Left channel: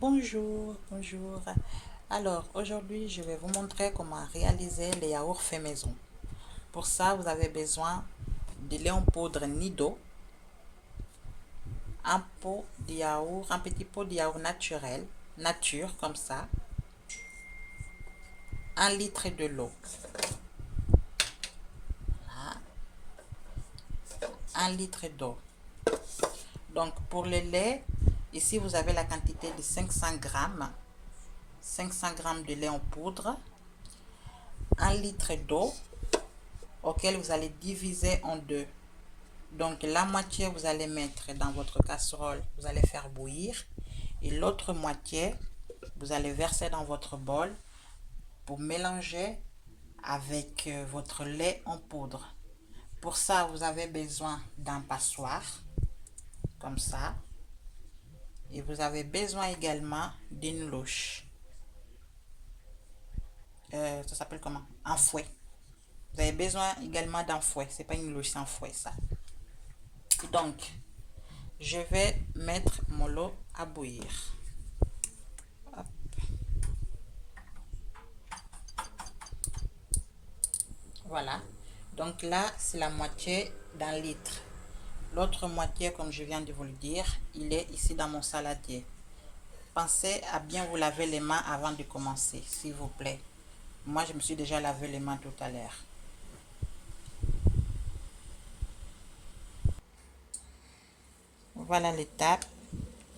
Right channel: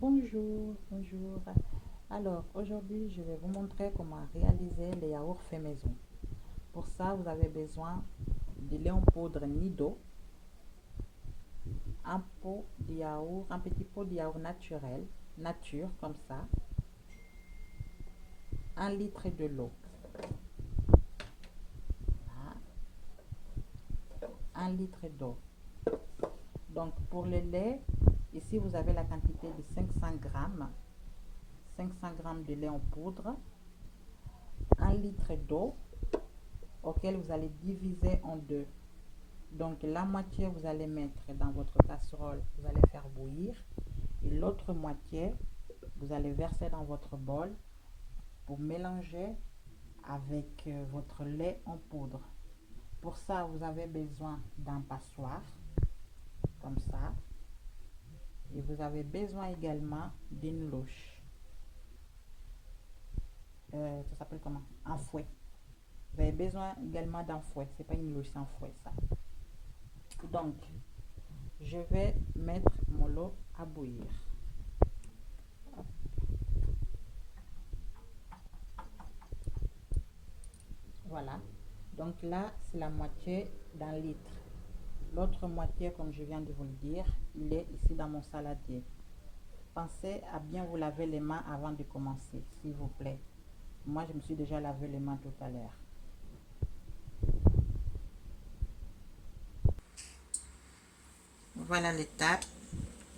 Bonjour, bonjour. Alors, aujourd'hui, je vais vous montrer comment réaliser les yaourts faits maison. Pour ça, vous avez besoin de lait en poudre Nido, un pot de yaourt, un petit pot de yaourt naturel, nature comme ça, 1 litre de l'eau, 1 litre d'eau. Donc, pour le lait, ici, vous avez la quantité de 500 grammes, 500 grammes de lait en poudre, 1 litre d'eau, auquel vous allez diviser en deux. Donc la moitié, vous allez mettre dans votre casserole, vous allez faire bouillir. Et l'autre moitié, vous allez verser dans votre bol pour mélanger avec votre lait en poudre. Pour ça, vous avez besoin d'un passoire, comme ça. Et vous avez besoin également d'une louche. Ça s'appelle comment? Un fouet. Vous avez besoin également d'un fouet. C'est pas une louche, c'est un fouet, ça. Donc, je vais mettre mon lot à bouillir. Hop. Voilà. Donc là, c'est la moitié d'un litre. L'autre moitié, comme je viens de vous le dire, il est ici dans mon saladier. Pensez à bien vous laver les mains avant de commencer, s'il vous plaît. Moi, je me suis déjà lavé les mains tout à l'heure. Voilà l'étape.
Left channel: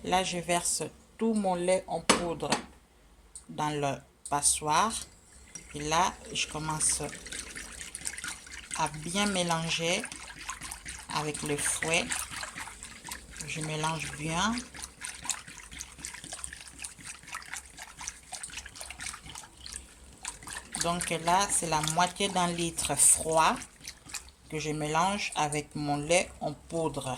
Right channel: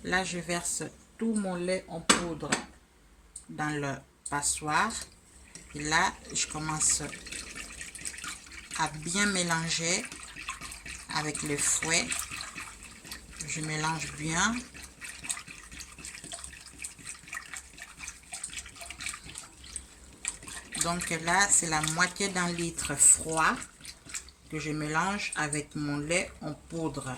Là, je verse tout mon lait en poudre dans le passoire. Et là, je commence à bien mélanger avec le fouet. Je mélange bien. Donc là, c'est la moitié d'un litre froid que je mélange avec mon lait en poudre.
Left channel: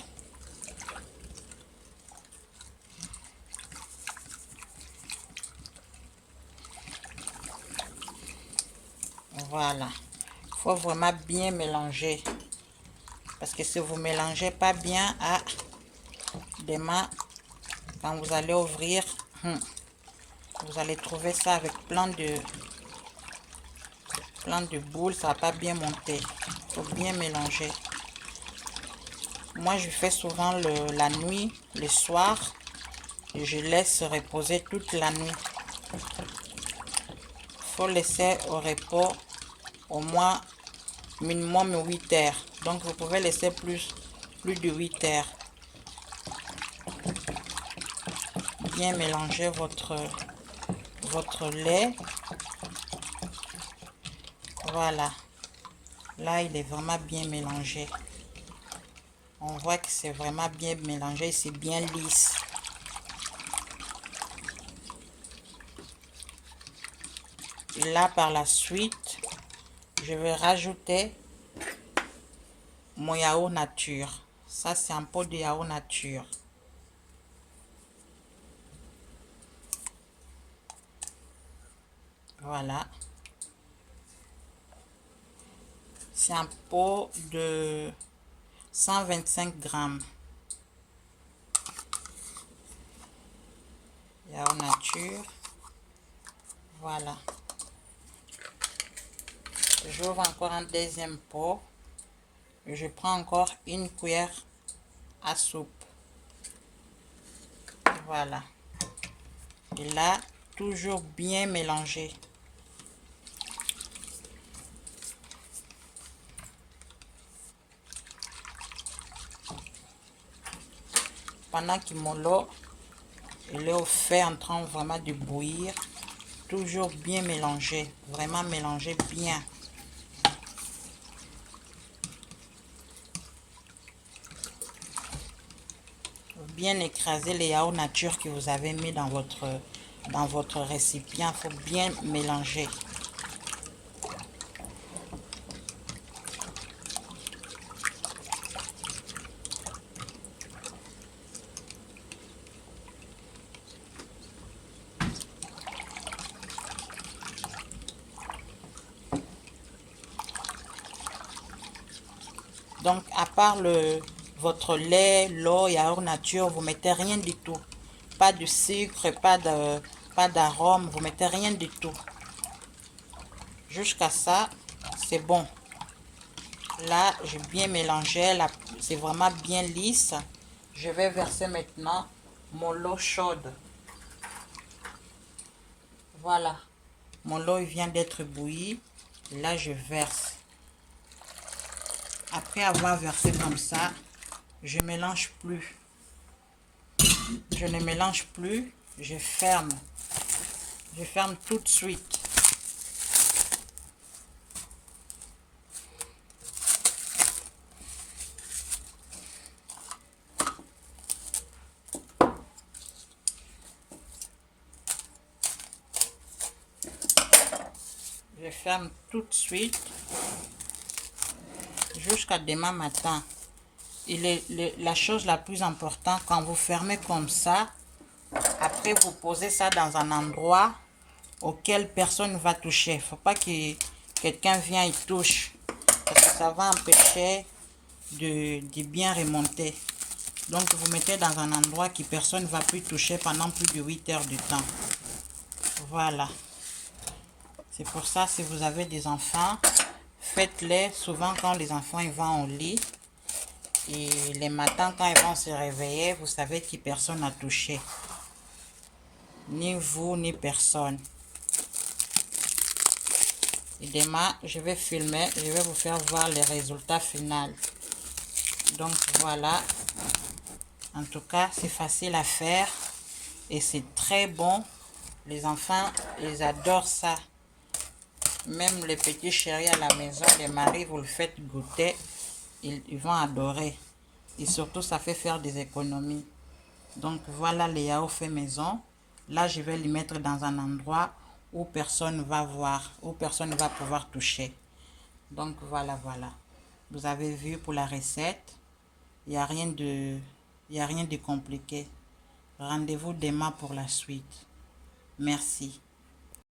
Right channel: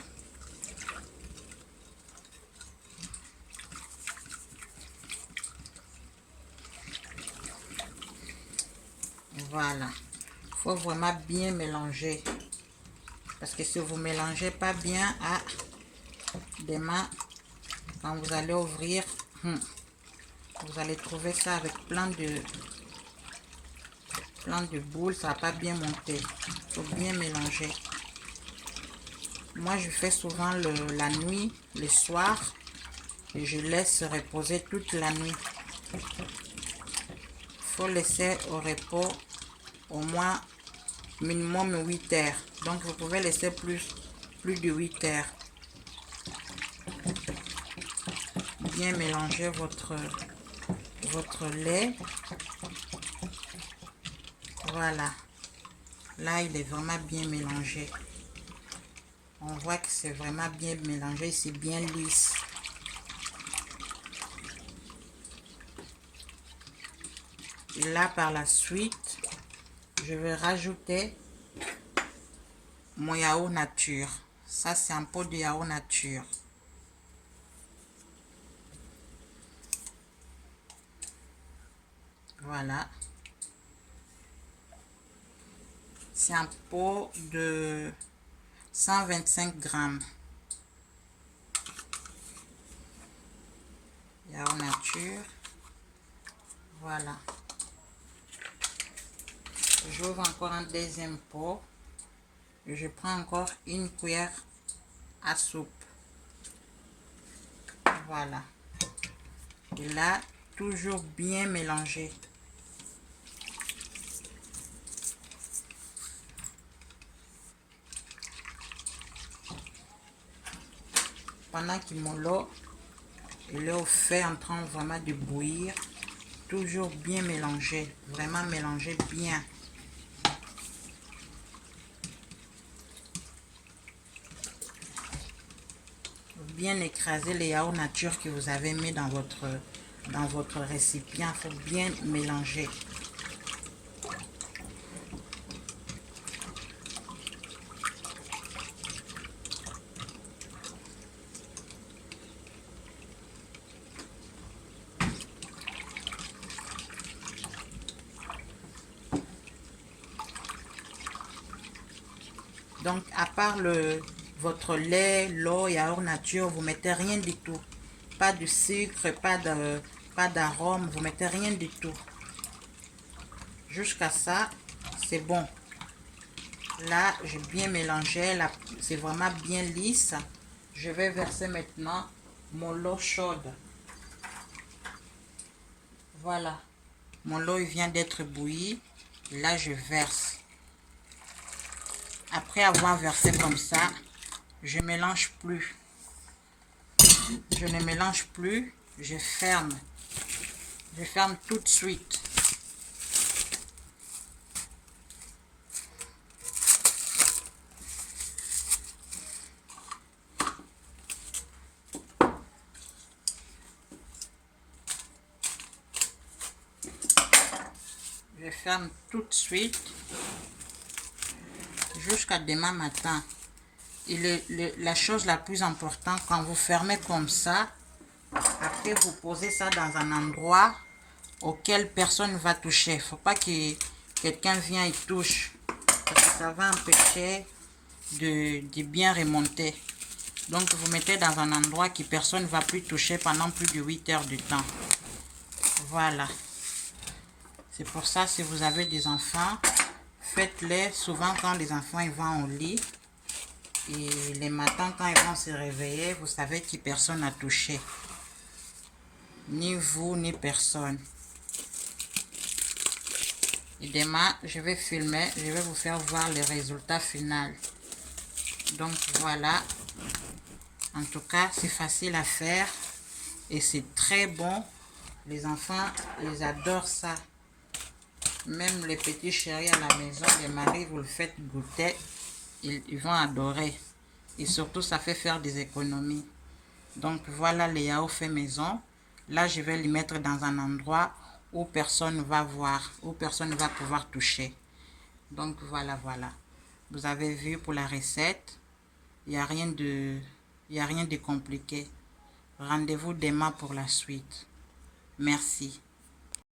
Voilà. Il faut vraiment bien mélanger. Parce que si vous ne mélangez pas bien, demain, quand vous allez ouvrir, vous allez trouver ça avec plein de boules. Ça ne va pas bien monter. Il faut bien mélanger. Moi, je fais souvent la nuit, le soir. Et je laisse reposer toute la nuit. Il faut laisser au repos au moins minimum 8 heures. Donc, vous pouvez laisser plus de 8 heures. Bien mélanger votre lait. Voilà. Là, il est vraiment bien mélangé. On voit que c'est vraiment bien mélangé. C'est bien lisse. Et là, par la suite, je vais rajouter mon yaourt nature. Ça, c'est un pot de yaourt nature. Voilà. C'est un pot de 125 grammes. Yaourt nature. Voilà. J'ouvre encore un deuxième pot. Et je prends encore une cuillère à soupe. Voilà. Et là, toujours bien mélanger. Pendant que mon lot est au fait en train vraiment de bouillir, toujours bien mélanger. Vraiment mélanger bien. Bien écraser les yaourts nature que vous avez mis dans votre récipient. Il faut bien mélanger. Donc, à part votre lait, l'eau, yaourt nature, vous mettez rien du tout. Pas de sucre, pas d'arôme, vous mettez rien du tout. Jusqu'à ça, c'est bon. Là, j'ai bien mélangé, c'est vraiment bien lisse. Je vais verser maintenant mon eau chaude. Voilà. Mon eau vient d'être bouillie. Là, je verse. Après avoir versé comme ça, je mélange plus. Je ne mélange plus, je ferme. Je ferme tout de suite. Je ferme tout de suite jusqu'à demain matin. Et la chose la plus importante, quand vous fermez comme ça, après vous posez ça dans un endroit auquel personne ne va toucher. Il ne faut pas que quelqu'un vienne et touche, parce que ça va empêcher de bien remonter. Donc vous mettez dans un endroit que personne ne va plus toucher pendant plus de 8 heures de temps. Voilà. C'est pour ça, si vous avez des enfants, faites-les souvent quand les enfants ils vont au lit. Et les matins, quand ils vont se réveiller, vous savez que personne n'a touché. Ni vous, ni personne. Et demain, je vais filmer, je vais vous faire voir les résultats finaux. Donc voilà. En tout cas, c'est facile à faire. Et c'est très bon. Les enfants, ils adorent ça. Même les petits chéris à la maison, les maris, vous le faites goûter. Ils vont adorer. Et surtout, ça fait faire des économies. Donc voilà les yaourts faits maison. Là, je vais les mettre dans un endroit où personne ne va voir, où personne ne va pouvoir toucher. Donc voilà, voilà. Vous avez vu pour la recette. Il n'y a rien de compliqué. Rendez-vous demain pour la suite. Merci.